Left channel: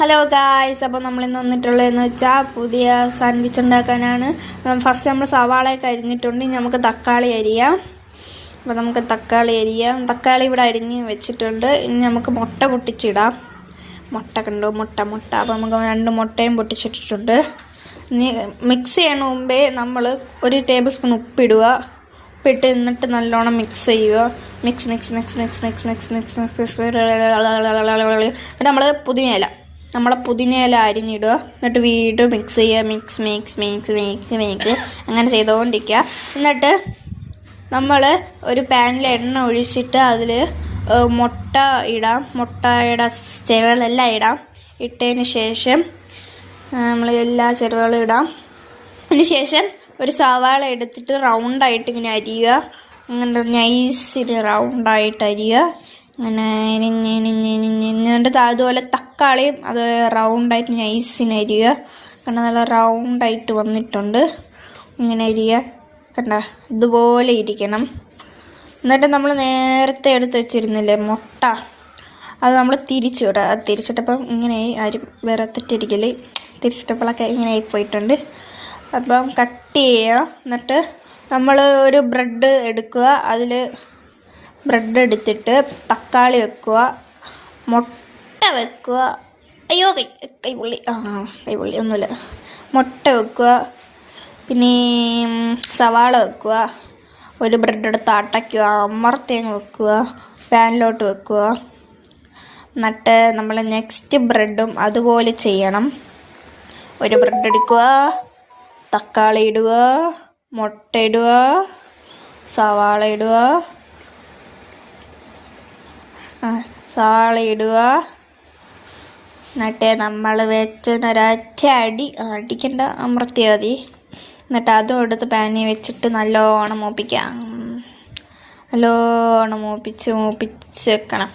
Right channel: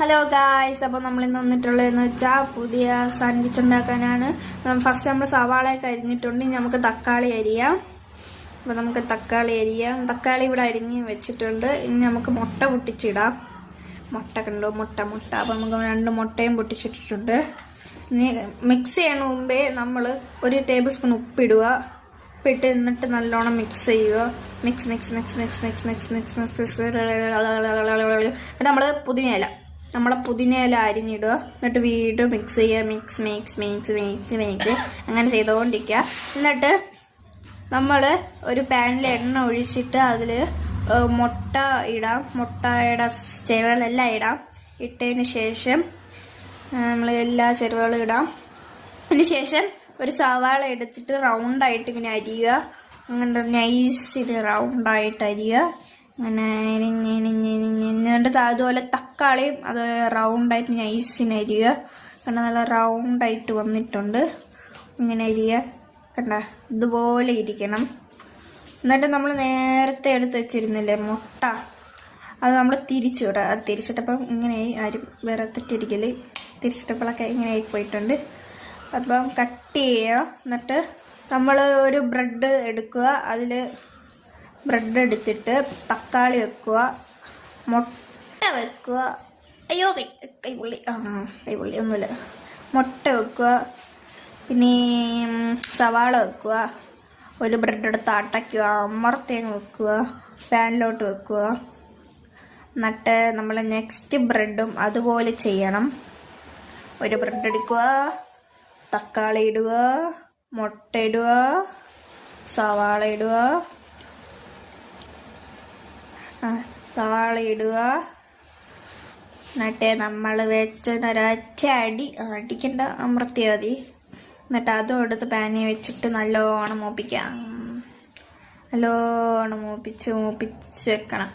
Hello guys, അപ്പോൾ നമ്മളിന്ന് വന്നിട്ടുള്ളതെന്ന് വെച്ചാൽ പുതിയ സാൻഡ്വിച്ച് ഉണ്ടാക്കാനാണ്. ഫസ്റ്റ് നമ്മൾ സവാളയൊക്കെ അരിഞ്ഞിട്ടുണ്ട്. ഇനി നമുക്ക് തക്കാളി അരിയാം. അപ്പോൾ നമുക്ക് തക്കാളി അരിയാം. തക്കാളി ഇവിടെ അരിഞ്ഞ് വെച്ചിട്ടുണ്ട്. ഇനി നമുക്ക് മുട്ട പൊട്ടിച്ചിടാം. മുട്ട കണ്ടോ, മുട്ട. അപ്പോൾ നമുക്ക് 2 മുട്ടയും പൊട്ടിച്ചിട്ടിട്ടുണ്ട്. ഇനി മിക്സ് ചെയ്യണ മുമ്പേ നമ്മൾ 1 ടേബിൾ സ്പൂൺ ഉപ്പിടുക. ഉപ്പിട്ട് എന്നിട്ട് നല്ലോണം മിക്സ് ചെയ്യുക. മിക്സ് എന്നിട്ട് നമ്മളെ പുതിനയില അരിഞ്ഞിടുക. എന്നിട്ട് വീണ്ടും മിക്സ് ചെയ്യുക. മിക്സ് അങ്ങനെ ചെയ്തുകൊണ്ടിരിക്കുക. എന്നിട്ട് നമ്മൾ ഒരു പാനിൽ എണ്ണ ഒഴിച്ചിട്ട് അതിൽ മുട്ട ഇടാം. മുട്ടയുടെ ചേരുവകളെല്ലാം ഇടാം. ഇട്ടതിന് ശേഷം നമ്മൾ എല്ലാ ചേരുവകളും ഇടാം. അതിന് ശേഷം ഒരു സവാള എടുത്തിട്ട് റൗണ്ടായിട്ട് ഇങ്ങനെ അരിയുക. അങ്ങനെ നൈസിന് റൗണ്ടായിട്ട് അരിയുക. അങ്ങനെ എന്നിട്ട് അതുപോലെ തക്കാളിയും അത് റൗണ്ടായിട്ട് നൈസിന് അരിയുക. കാരണം നല്ല റൗണ്ടായിട്ട് വന്നിട്ടുണ്ട്. ഇങ്ങനെ അരിയുക. കണ്ട, ഇതുപോലെ ഇരിക്കണം. എന്നിട്ട് നമ്മൾ നേരത്തെ എടുത്ത് വെച്ചിരുന്നില്ലേ മുട്ട, അത് നമ്മൾ തിരിച്ചിടുക. അത് തിരിച്ചിട്ടപ്പം ഇങ്ങനെ ആരും വേറെ തെറ്റിരിക്കല്. തിരിച്ചിട്ടപ്പോഴൊക്കെ ഇങ്ങനെ ആയിപ്പോയിട്ടുണ്ട്. അപ്പം കട്ട് ചെയ്യുക. എന്നിട്ട് നമ്മൾ ഒരു ബ്രെഡ് എടുക്കുക. അതിൽ ബ്രെഡ് എടുത്തിട്ട് തക്കാളി വെക്കുക, മുട്ട വെക്കുക. അയ്യോ കൈപുള്ളി ഒന്നുമില്ല. മുട്ട വെക്കുക, പിന്നെ സവാള വെക്കുക. ഒരു ബ്രെഡ് എടുത്ത് അടയ്ക്കുക, അമർത്തിയങ്ങ് വെക്കുക, പാനിലോട്ട് വെക്കുക. എന്നിട്ട് നമ്മൾ നെക്സ്റ്റ് ബ്രെഡും അതുപോലെ ചെയ്യണം. ഒരു ബ്രെഡ് എടുക്കുക, തക്കാളി ഇടുക, മുട്ട ഇടുക, സവാള ഇടുക, എന്നിട്ട് നമ്മൾ വെച്ചൊരൊറ്റ അടിക്കണ്ട, അമർത്തിയാൽ മതി. എന്നിട്ട് അതും എടുത്ത് പാനിൽ വെച്ചിട്ട് നല്ലോണം മൂപ്പിക്കാം. നല്ലോണം മൂപ്പിച്ച് വെക്കണം.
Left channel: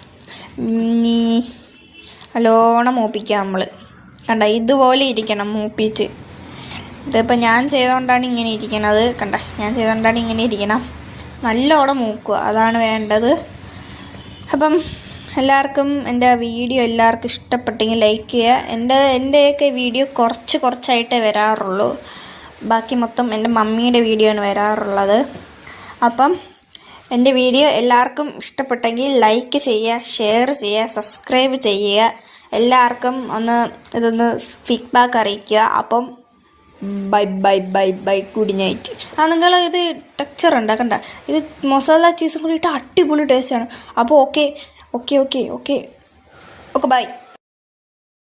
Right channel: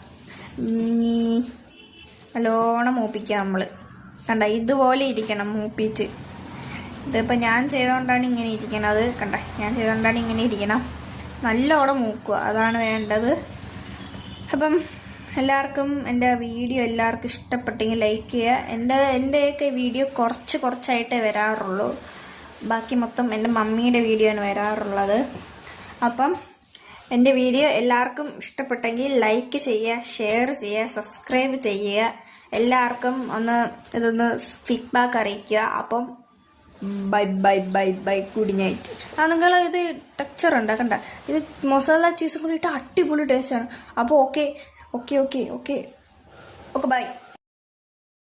നല്ലോണം മൂപ്പിക്കാം. നമ്മൾ കണ്ട ഇതുപോലെ ഇരിക്കണം മൂപ്പിച്ച്. ഇതിപ്പോൾ ഞാൻ ചെയ്തുകൊണ്ടാണ് ഇങ്ങനെ ഇരിക്കണത്. ഇങ്ങനെ ഇരിക്കണം. നല്ലോണം മൂക്കുക, അതാണ് വേണ്ടത്. അപ്പം എല്ലാവർക്കും എൻ്റെ വീഡിയോ ഇഷ്ടപ്പെട്ടെങ്കിൽ ലൈക്ക് ചെയ്യുക. എൻ്റെയൊക്കെ വീഡിയോ കുറച്ചായിട്ടേ വരാറുള്ളൂ. ബാക്കി മൊത്തം എൻ്റെ മമ്മിയുടെ വീഡിയോ ആണ് വരാറുള്ളത്. അപ്പം എൻ്റെ വീഡിയോ എല്ലാവർക്കും ഇഷ്ടപ്പെട്ടെങ്കിൽ ലൈക്ക് ചെയ്യുക, ഷെയർ ചെയ്യുക, സബ്സ്ക്രൈബ് ചെയ്യുക. എല്ലാവർക്കും ഇതൊന്ന് ഫീഡ്ബാക്ക് അറിയിക്കുക. അപ്പം ബൈ ഗുഡ് നൈറ്റ്. നിങ്ങൾ ഇത് ടെക്സ്ചർ ഉണ്ടാക്കണ്ട. ഇത് മസാല ചീസും കൂടി ഇട്ട് അടിപൊളി ടേസ്റ്റാണ്. അപ്പോൾ ഓക്കെ ബൈ.